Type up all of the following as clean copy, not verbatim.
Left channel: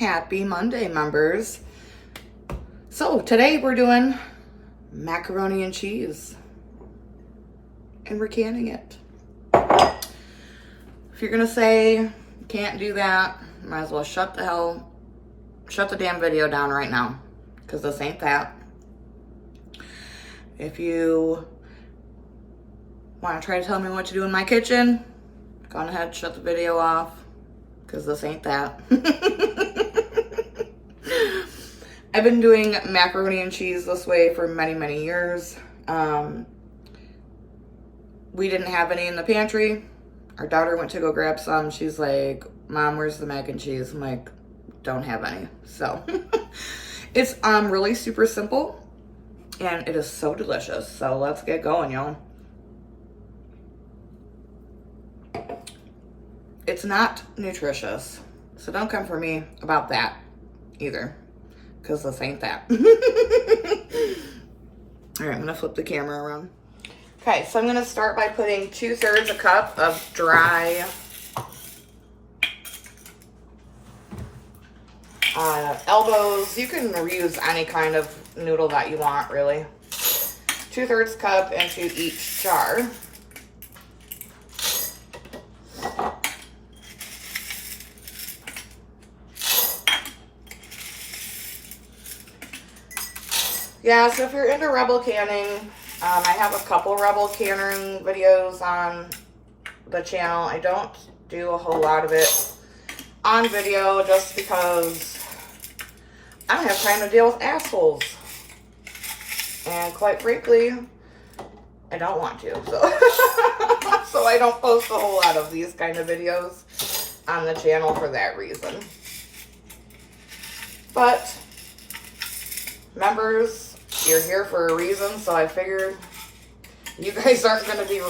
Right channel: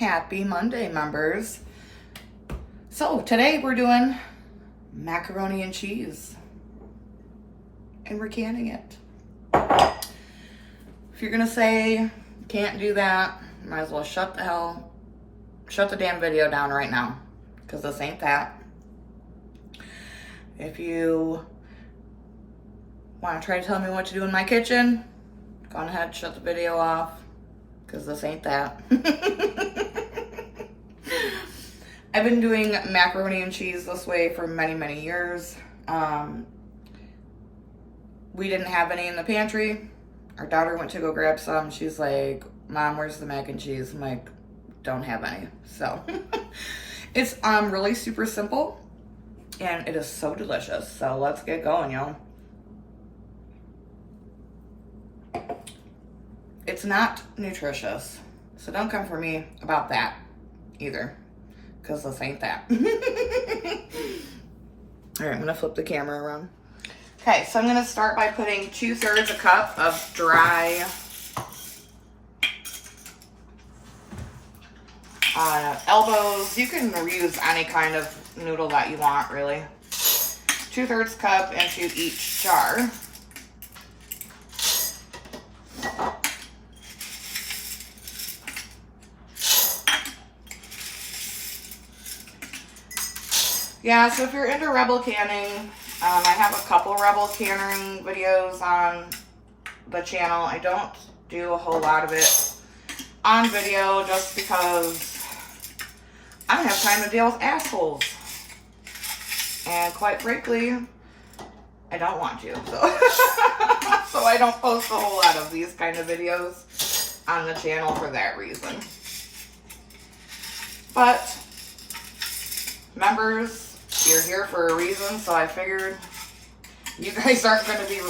Happy Monday, members. So today we're doing macaroni and cheese, and we're canning it. If you're gonna say you can't do that, might as well shut the damn video down right now, because this ain't that. If you want to try to tell me what to do in my kitchen, go on ahead, shut the video off, because this ain't that. I've been doing macaroni and cheese this way for many, many years. We didn't have any in the pantry. Our daughter went to go grab some. She's like, Mom, where's the mac and cheese? I'm like, don't have any. So it's really super simple, and it is so delicious. So let's get going, y'all. It's not nutritious, so don't come for me about that either, because this ain't that. All right, I'm gonna flip the camera around. Okay, so I'm gonna start by putting 2/3 a cup of dry elbows. You can use any kind of noodle that you want, really. 2/3 cup into each jar. Yeah, so if you're into Rebel canning, I have a couple Rebel canning videos on the channel. I don't do a whole lot of it on video just because I don't have time to deal with assholes. And quite frankly, I don't want to. So I don't post a whole lot of these kind of videos on the channel for that reason. But members, you're here for a reason, so I figured you guys aren't going to be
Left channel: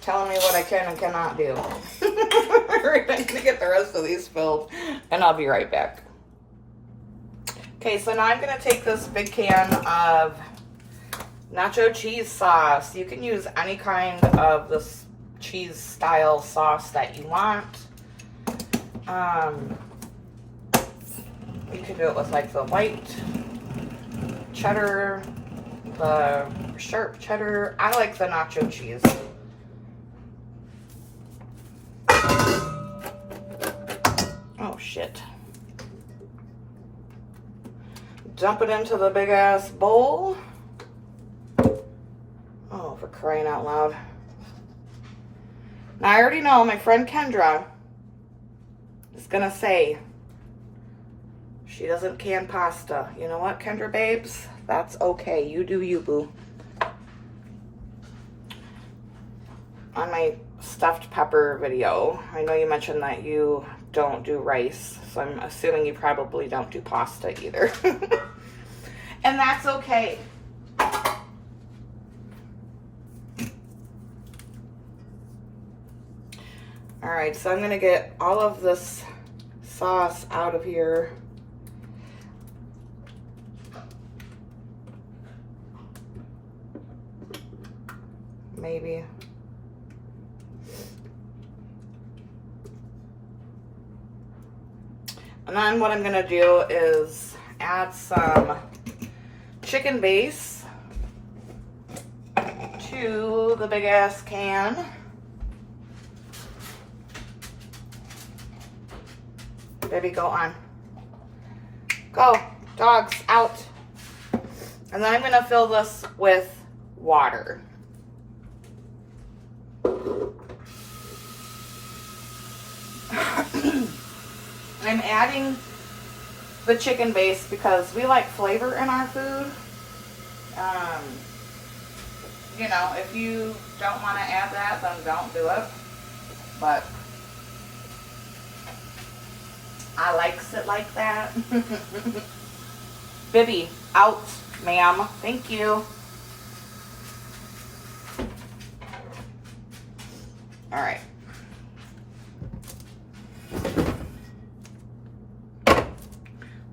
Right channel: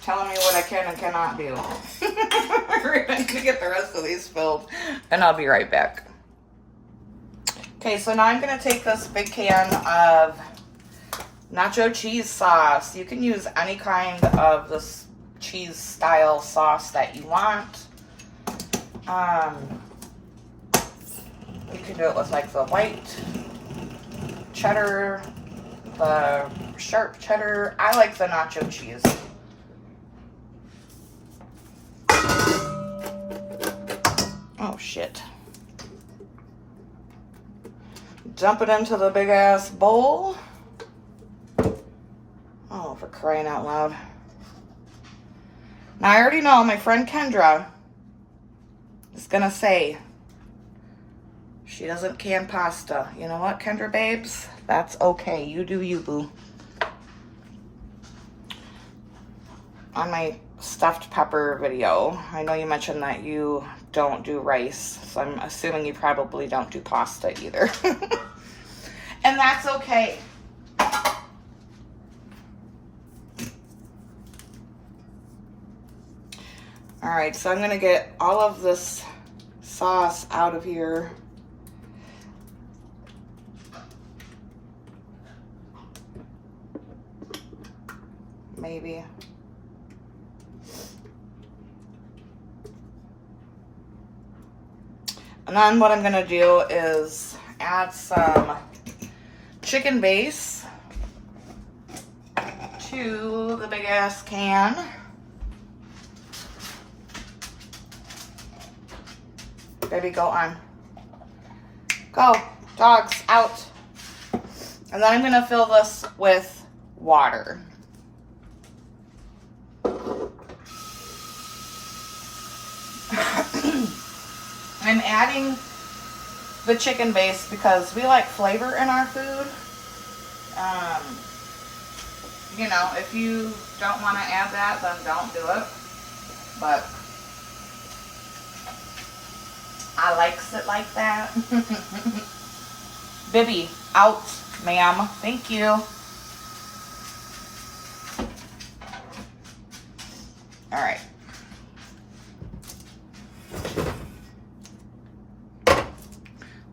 telling me what I can and cannot do. We're going to get the rest of these filled, and I'll be right back. Okay, so now I'm going to take this big can of nacho cheese sauce. You can use any kind of this cheese style sauce that you want. You can do it with like the white cheddar, the sharp cheddar. I like the nacho cheese. Oh shit. Dump it into the big ass bowl. Oh, for crying out loud. Now I already know my friend Kendra is gonna say she doesn't can pasta. You know what, Kendra babes? That's okay. You do you, boo. On my stuffed pepper video, I know you mentioned that you don't do rice, so I'm assuming you probably don't do pasta either. And that's okay. All right, so I'm gonna get all of this sauce out of here. Maybe. And then what I'm going to do is add some chicken base to the big ass can. Baby, go on. Go, dogs, out. And then I'm going to fill this with water. I'm adding the chicken base because we like flavor in our food. You know, if you don't want to add that, then don't do it. But I likes it like that. Bibby, out, ma'am. Thank you. All right.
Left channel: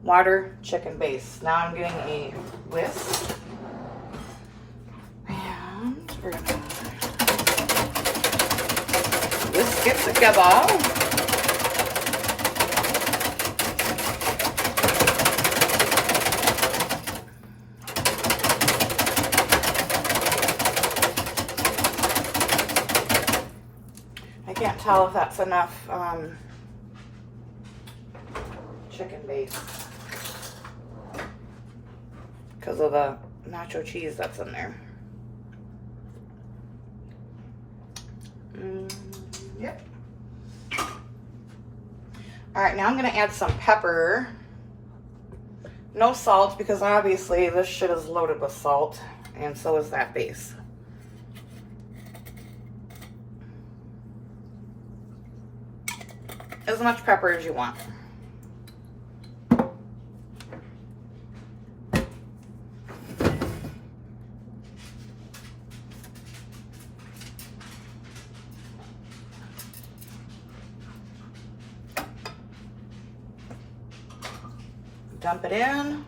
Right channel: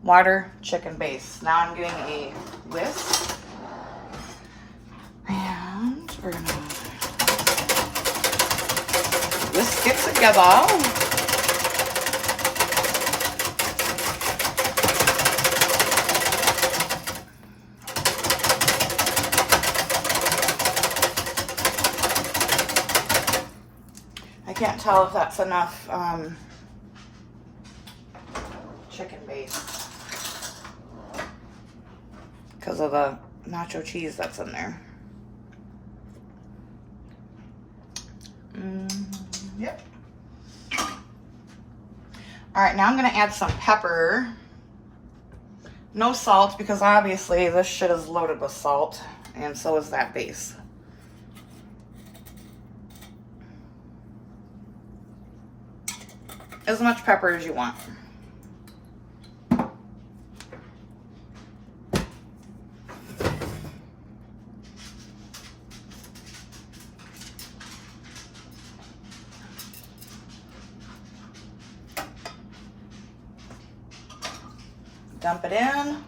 Water, chicken base. Now I'm getting a whisk. And we're going to whisk it together. tell if that's enough chicken base because of the nacho cheese that's in there. Yep. All right, now I'm gonna add some pepper. No salt, because obviously this shit is loaded with salt, and so is that base. As much pepper as you want. Dump it in.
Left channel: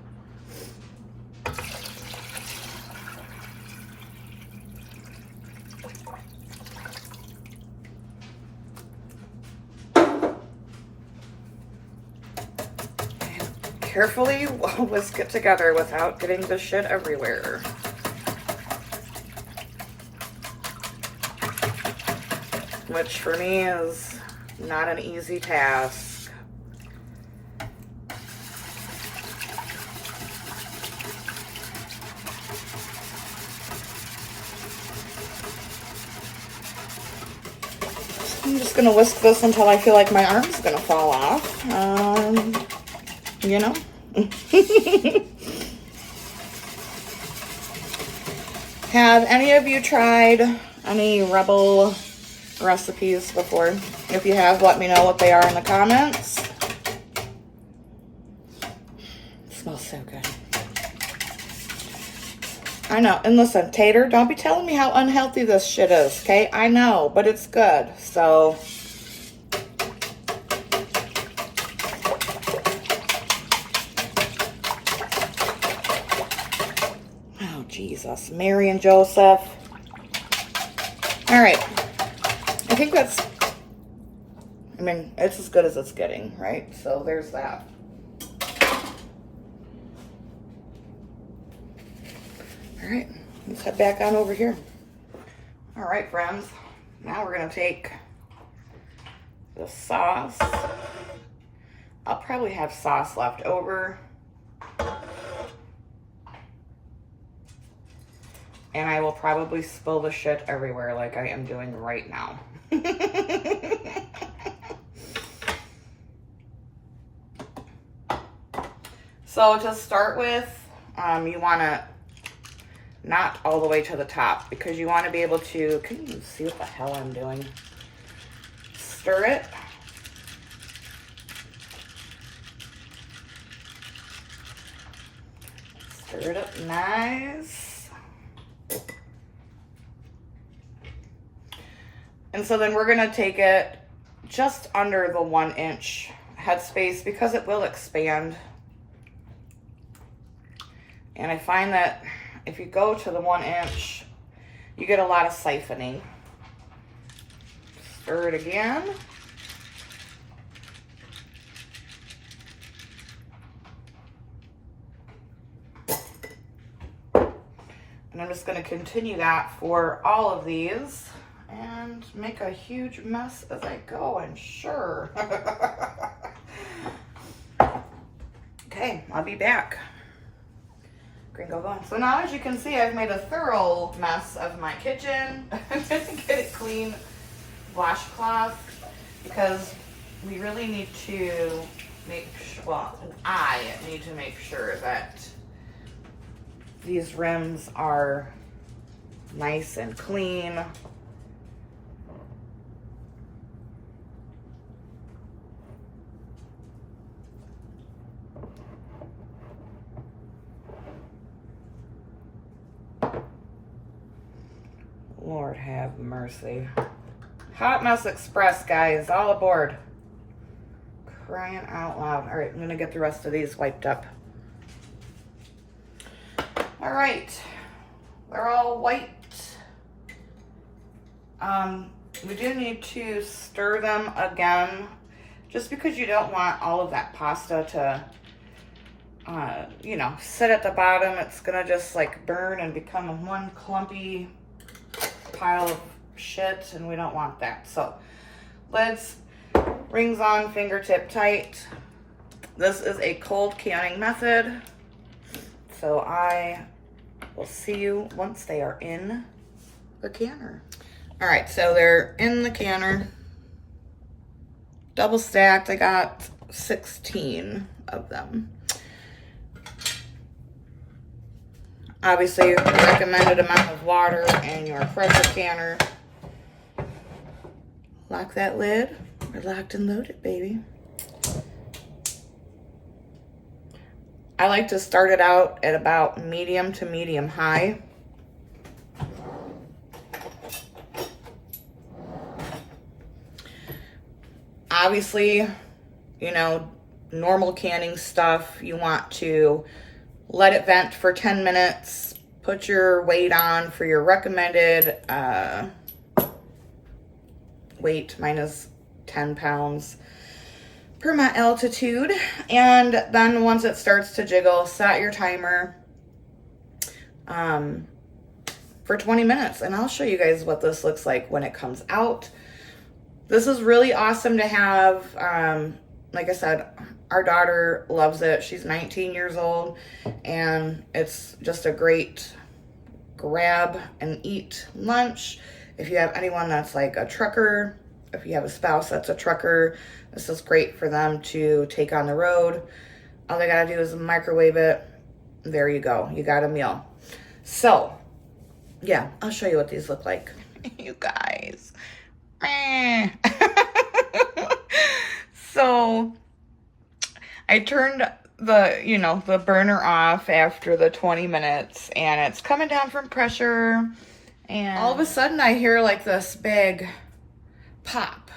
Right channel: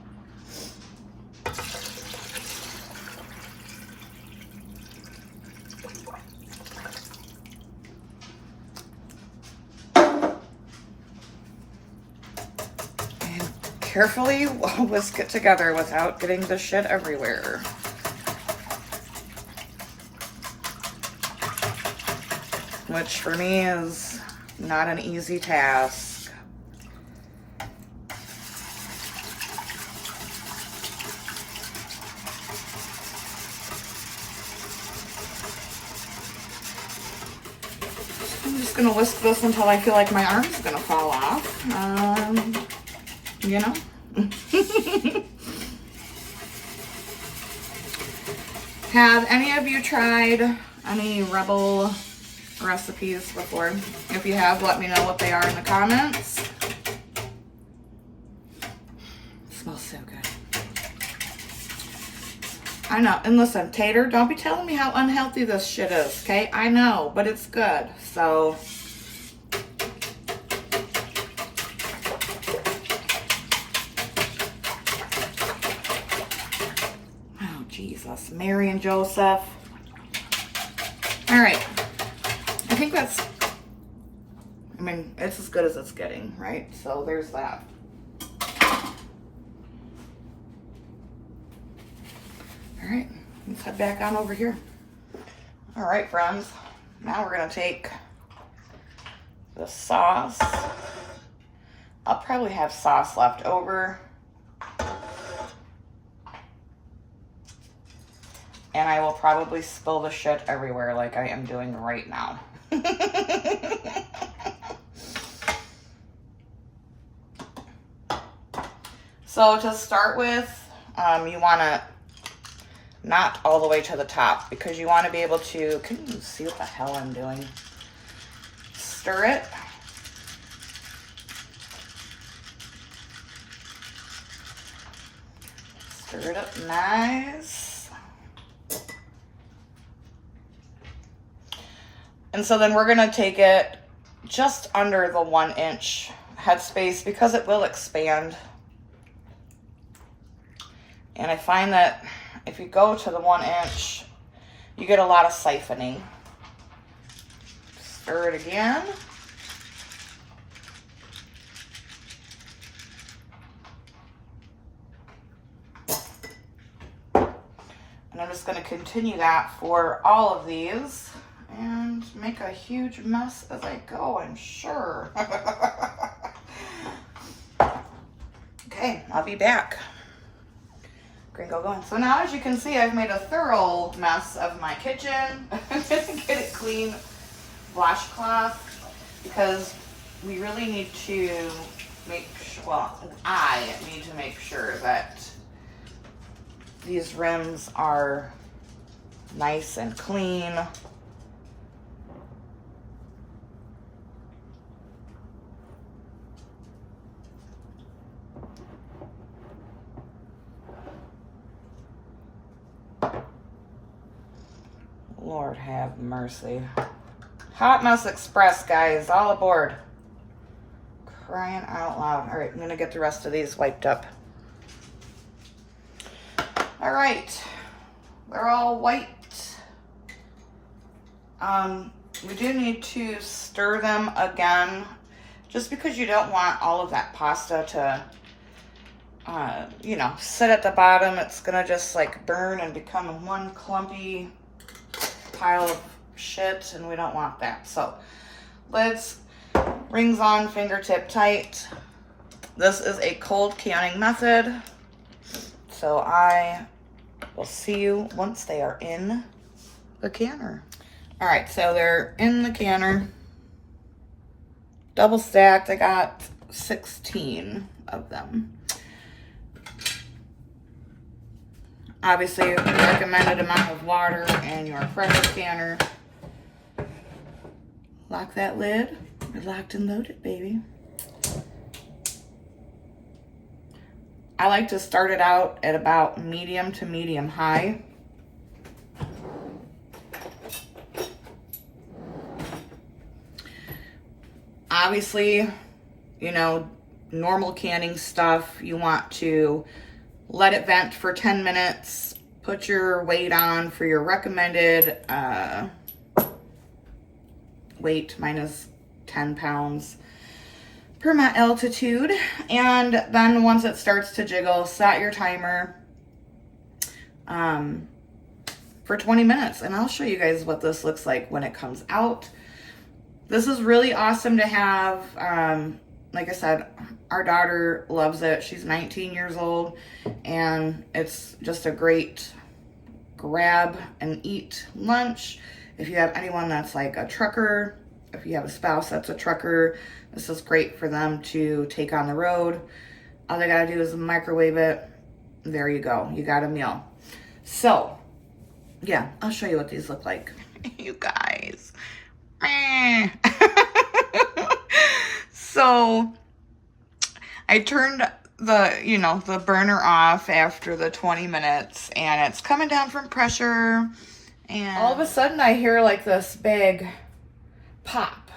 And carefully whisk it together without getting the shit everywhere. Which for me is not an easy task. I'm just gonna whisk this until I feel like my arm's gonna fall off. You know? Have any of you tried any Rebel recipes before? If you have, let me know what they are in the comments. It smells so good. I know, and listen, Tater, don't be telling me how unhealthy this shit is, okay? I know, but it's good, so. Oh, Jesus, Mary and Joseph. All right, I think that's, I mean, it's as good as it's getting, right? So there's that. All right, let's head back on over here. All right, friends, now we're gonna take the sauce. I'll probably have sauce left over. And I will probably spill the shit everywhere like I am doing right now. So to start with, you wanna not all the way to the top, because you want to be able to, can you see what the hell I'm doing? Stir it. Stir it up nice. And so then we're going to take it just under the 1-inch headspace, because it will expand. And I find that if you go to the 1-inch, you get a lot of siphoning. Stir it again. And I'm just going to continue that for all of these and make a huge mess as I go, I'm sure. Okay, I'll be back. Go going. So now, as you can see, I've made a thorough mess of my kitchen. I'm going to get a clean washcloth, because we really need to make sure, well, I need to make sure that these rims are nice and clean. Lord have mercy. Hot Mess Express, guys, all aboard. Crying out loud. All right, I'm gonna get the rest of these wiped up. All right, they're all white. We do need to stir them again, just because you don't want all of that pasta to, you know, sit at the bottom. It's gonna just like burn and become one clumpy pile of shit, and we don't want that. So lids, rings on, fingertip tight. This is a cold canning method. So I will see you once they are in the canner. All right, so they're in the canner. Double stacked, I got 16 of them. Obviously, the recommended amount of water in your pressure canner. Lock that lid. We're locked and loaded, baby. I like to start it out at about medium to medium high. Obviously, you know, normal canning stuff, you want to let it vent for 10 minutes, put your weight on for your recommended weight. Mine is 10 pounds per my altitude. And then once it starts to jiggle, set your timer for 20 minutes. And I'll show you guys what this looks like when it comes out. This is really awesome to have. Like I said, our daughter loves it. She's 19 years old, and it's just a great grab and eat lunch. If you have anyone that's like a trucker, if you have a spouse that's a trucker, this is great for them to take on the road. All they gotta do is microwave it. There you go. You got a meal. So, yeah, I'll show you what these look like. You guys. So I turned the burner off after the 20 minutes, and it's coming down from pressure, and all of a sudden I hear like this big pop,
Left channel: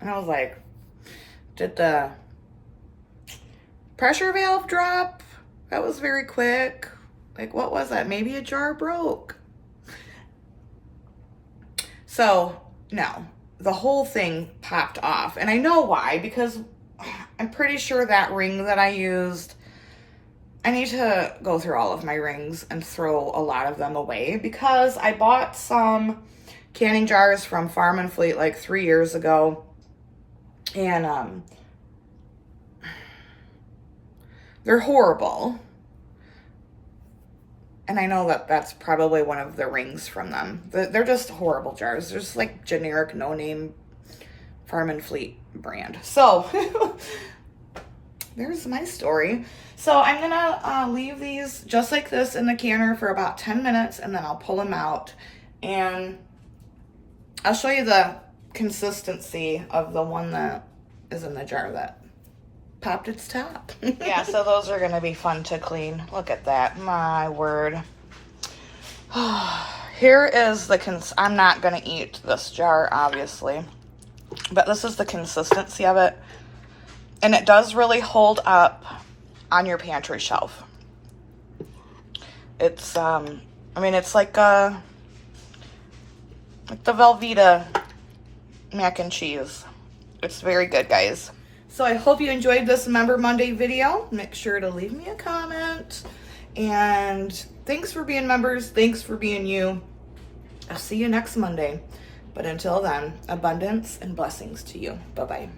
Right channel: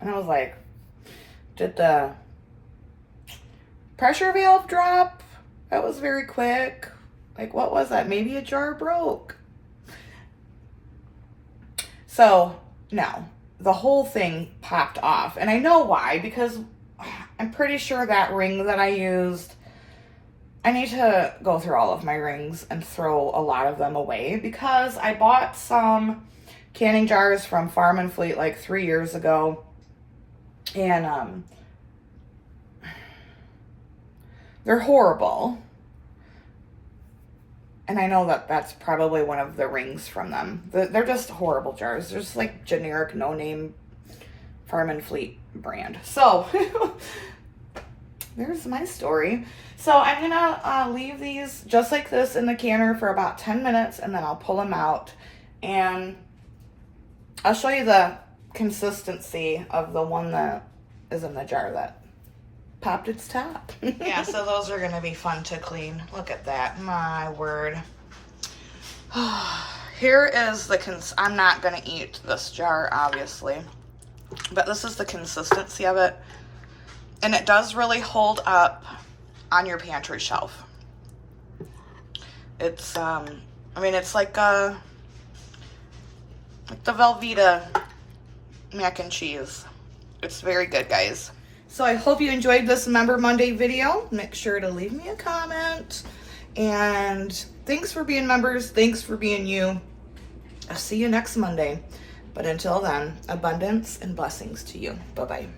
and I was like, did the pressure valve drop? That was very quick. Like, what was that? Maybe a jar broke. So no, the whole thing popped off. And I know why, because I'm pretty sure that ring that I used, I need to go through all of my rings and throw a lot of them away, because I bought some canning jars from Farm and Fleet like 3 years ago. And they're horrible. And I know that that's probably one of the rings from them. They're just horrible jars. They're just like generic, no-name Farm and Fleet brand. So, there's my story. So I'm gonna leave these just like this in the canner for about 10 minutes, and then I'll pull them out. And I'll show you the consistency of the one that is in the jar that popped its top. Yeah, so those are gonna be fun to clean. Look at that, my word. Here is the I'm not gonna eat this jar, obviously, but this is the consistency of it, and it does really hold up on your pantry shelf. It's I mean, it's like the Velveeta mac and cheese. It's very good, guys. So I hope you enjoyed this Member Monday video. Make sure to leave me a comment. And thanks for being members. Thanks for being you. I'll see you next Monday. But until then, abundance and blessings to you. Bye-bye.